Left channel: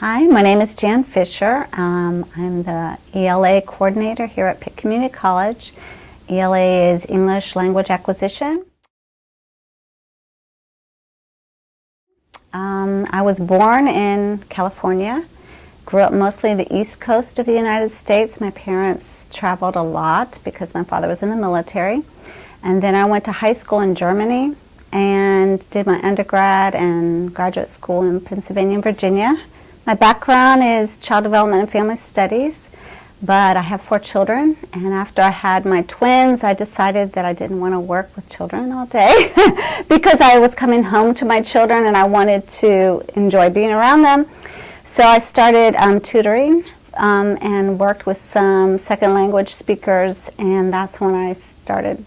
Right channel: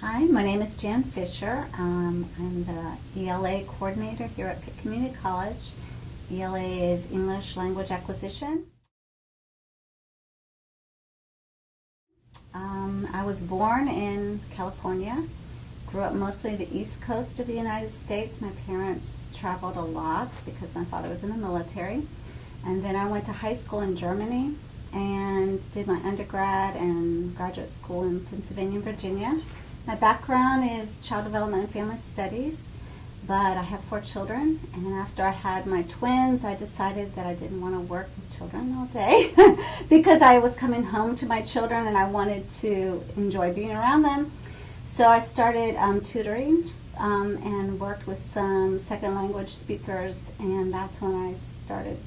Hi, my name is Jan Fisher. I'm the ELA coordinator here at Pitt Community College. ELA is English Language Acquisition. I was born in California, grew up mostly the East Coast of the United States. My parents traveled a lot because my father was in the military. And then I went to high school in Germany and did my undergrad and graduate school in Pennsylvania and Virginia. My background is child development and family studies, but I have 4 children, and after I had my twins, I decided that I didn't want to work with children all day because I was coming home to my children and I wanted to enjoy being around them. So I started tutoring and worked with some second language speakers, and that's when I started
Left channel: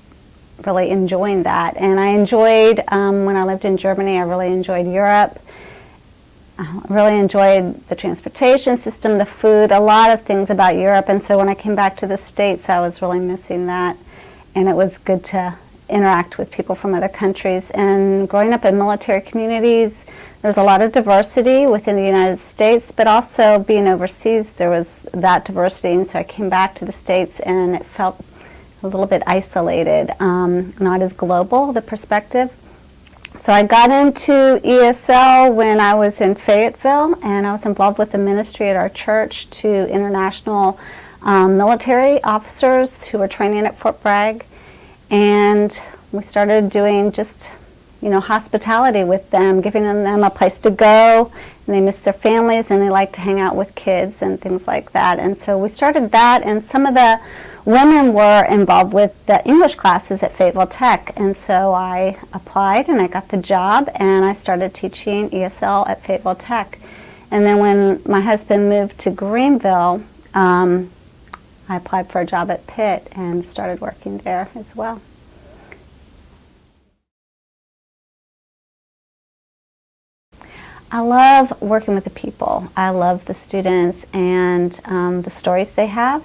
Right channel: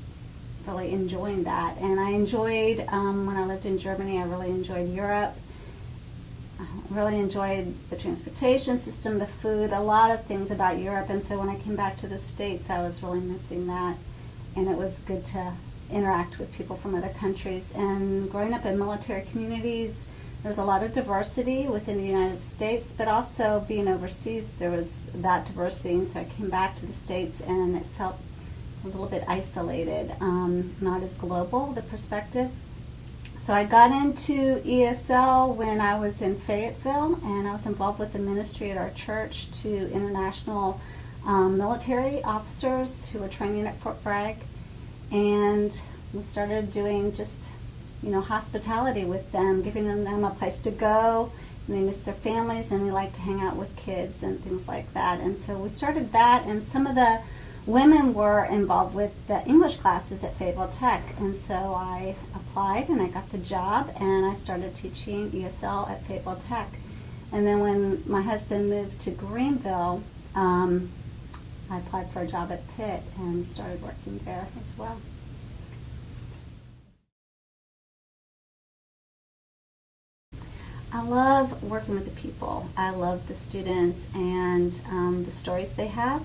really enjoying that. And I enjoyed, when I lived in Germany, I really enjoyed Europe. I really enjoyed the transportation system, the food, a lot of things about Europe. And so when I came back to the States, I was really missing that. And it was good to interact with people from other countries. And growing up in military communities, there's a lot of diversity within the United States, but also being overseas, there was that diversity. And so I came back to the States and it felt a little bit isolated, not as global, the perspective. So I got into ESL when I was in Fayetteville, and I was involved with the ministry at our church to international military officers who were training at Fort Bragg. And we started doing just, hospitality with them, giving them a place to go. And they miss their families and they like to hang out with kids and things like that. And so we started that, and some of the women were involved with the English classes at Fayetteville Tech, and so I applied and I got the job and I started teaching ESL at Fayetteville Tech. And then when my husband moved to Greenville, I applied for a job at Pitt and started working there as well. I love working with the people. I love the students and the stories they have,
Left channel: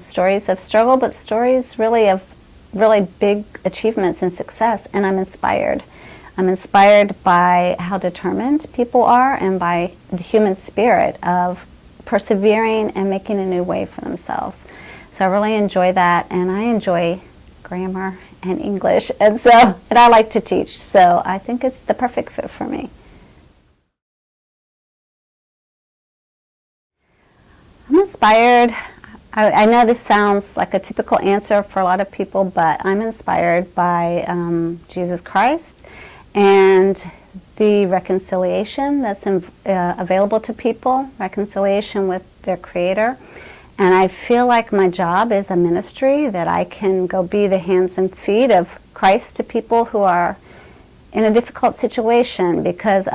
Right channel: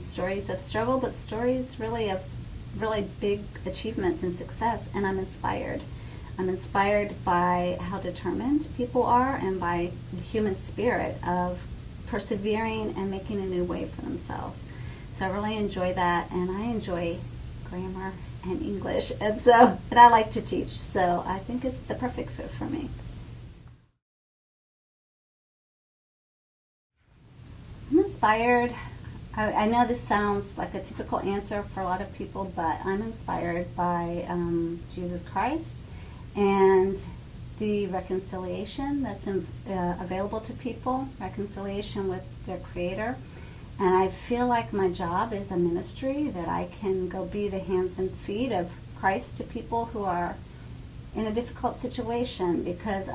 stories of struggle, but stories really of really big achievements and success, and I'm inspired. I'm inspired by how determined people are and by the human spirit of persevering and making a new way for themselves. So I really enjoy that, and I enjoy grammar and English, and I like to teach, so I think it's the perfect fit for me. I'm inspired. I know this sounds like a typical answer for a lot of people, but I'm inspired by Jesus Christ and the reconciliation that's available to people, reconciliation with their Creator. And I feel like my job is a ministry, that I can go be the hands and feet of Christ to people who are in a difficult situation, because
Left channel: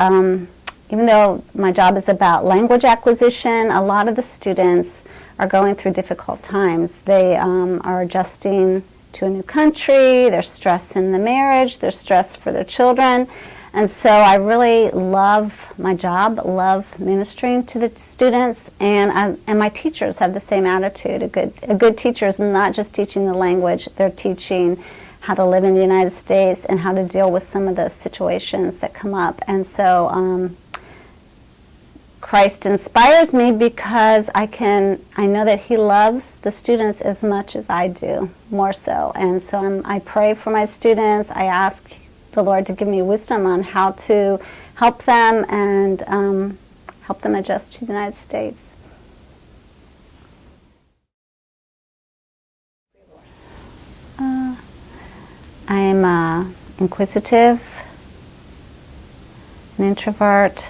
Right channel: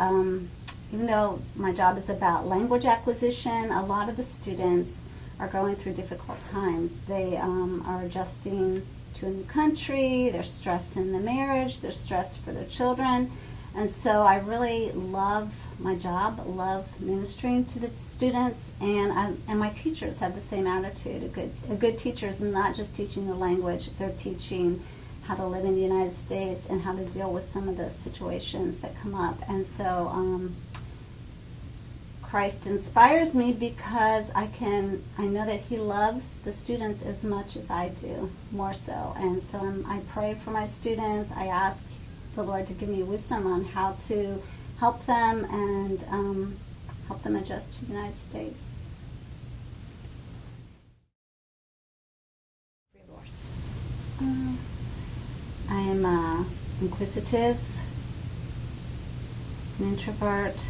even though my job is about language acquisition, a lot of the students are going through difficult times. They are adjusting to a new country, they're stressed in the marriage, they're stressed for their children. And so I really love my job, love ministering to the students, and my teachers have the same attitude. A good teacher is not just teaching the language, they're teaching how to live in the United States and how to deal with some of the situations that come up. And so Christ inspires me because I know that He loves the students as much as I do, more so. And so I pray for my students. I ask the Lord to give me wisdom on how to help them and help them adjust to the United States. I'm inquisitive, an introvert,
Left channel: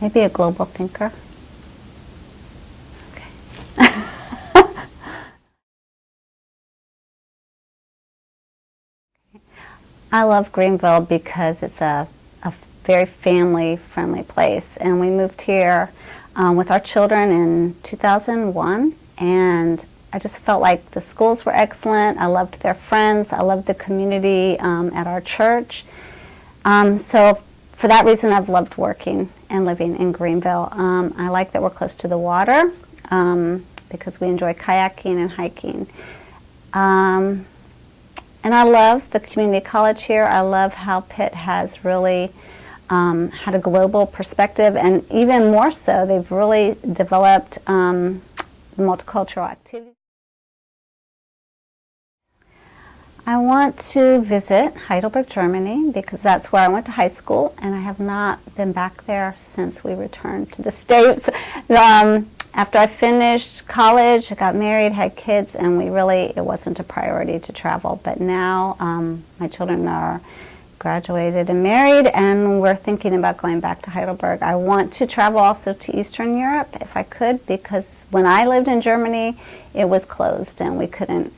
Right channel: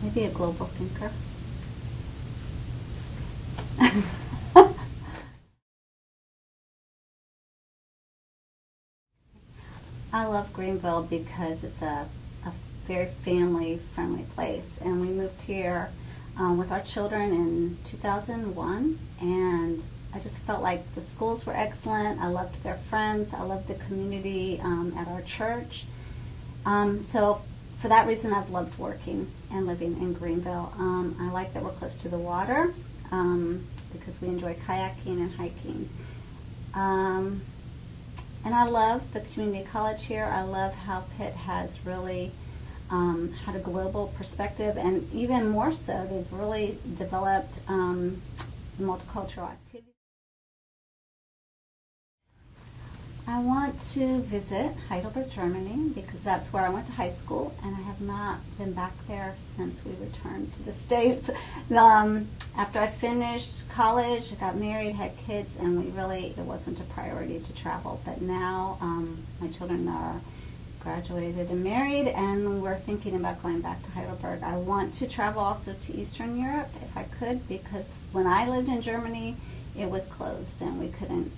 maybe a global thinker. Okay. I love Greenville because it's a very family-friendly place, and we moved here with our children in 2001, and I just felt like the schools were excellent. I loved their friends. I loved the community at our church. So for that reason, I've loved working and living in Greenville. I like that we're close to the water because we enjoy kayaking and hiking. And I love the community college here. I love how Pitt has really had a global perspective, and even more so, they've really developed multicultural activities. I want to visit Heidelberg, Germany, because that's where I went to high school, and I have not been back there since we returned to the States. After I finished college, I got married, had kids, and it wasn't a priority to travel. But now my children are graduated and married, and we're thinking about going back to Heidelberg. I want to travel also to Eastern Europe if I could, because when I lived in Germany, it was closed and we couldn't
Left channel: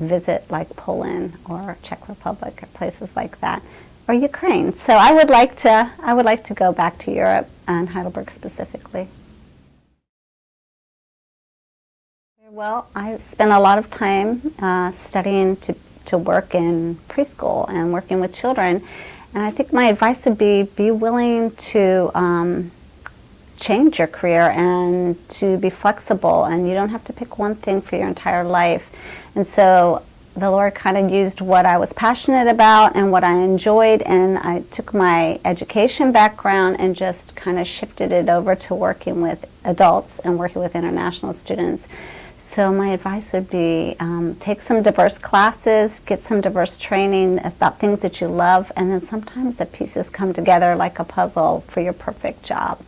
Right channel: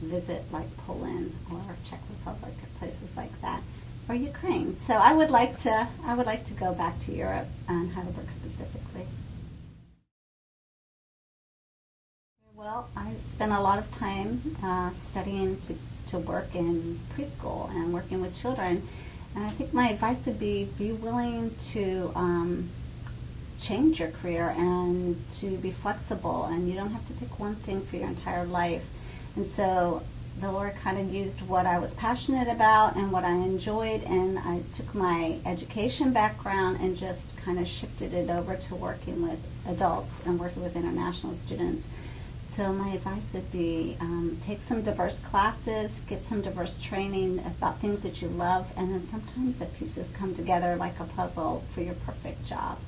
visit like Poland or Czech Republic or places like that, or Ukraine. So I would like to go back to Europe and Heidelberg specifically. Well, I spent a lot of time studying to work in preschool and working with children, and I think my advice would be willing to change your career and to be flexible, and you don't have to pick one thing for your entire life. And so the Lord kind of used what I was passionate about and what I enjoyed, and I took my education background and just kind of shifted it over to working with adults and working with international students. So my advice would be take some diverse classes, get some diverse training about things that you love, and then sometimes the pieces come together like a puzzle for your perfect job.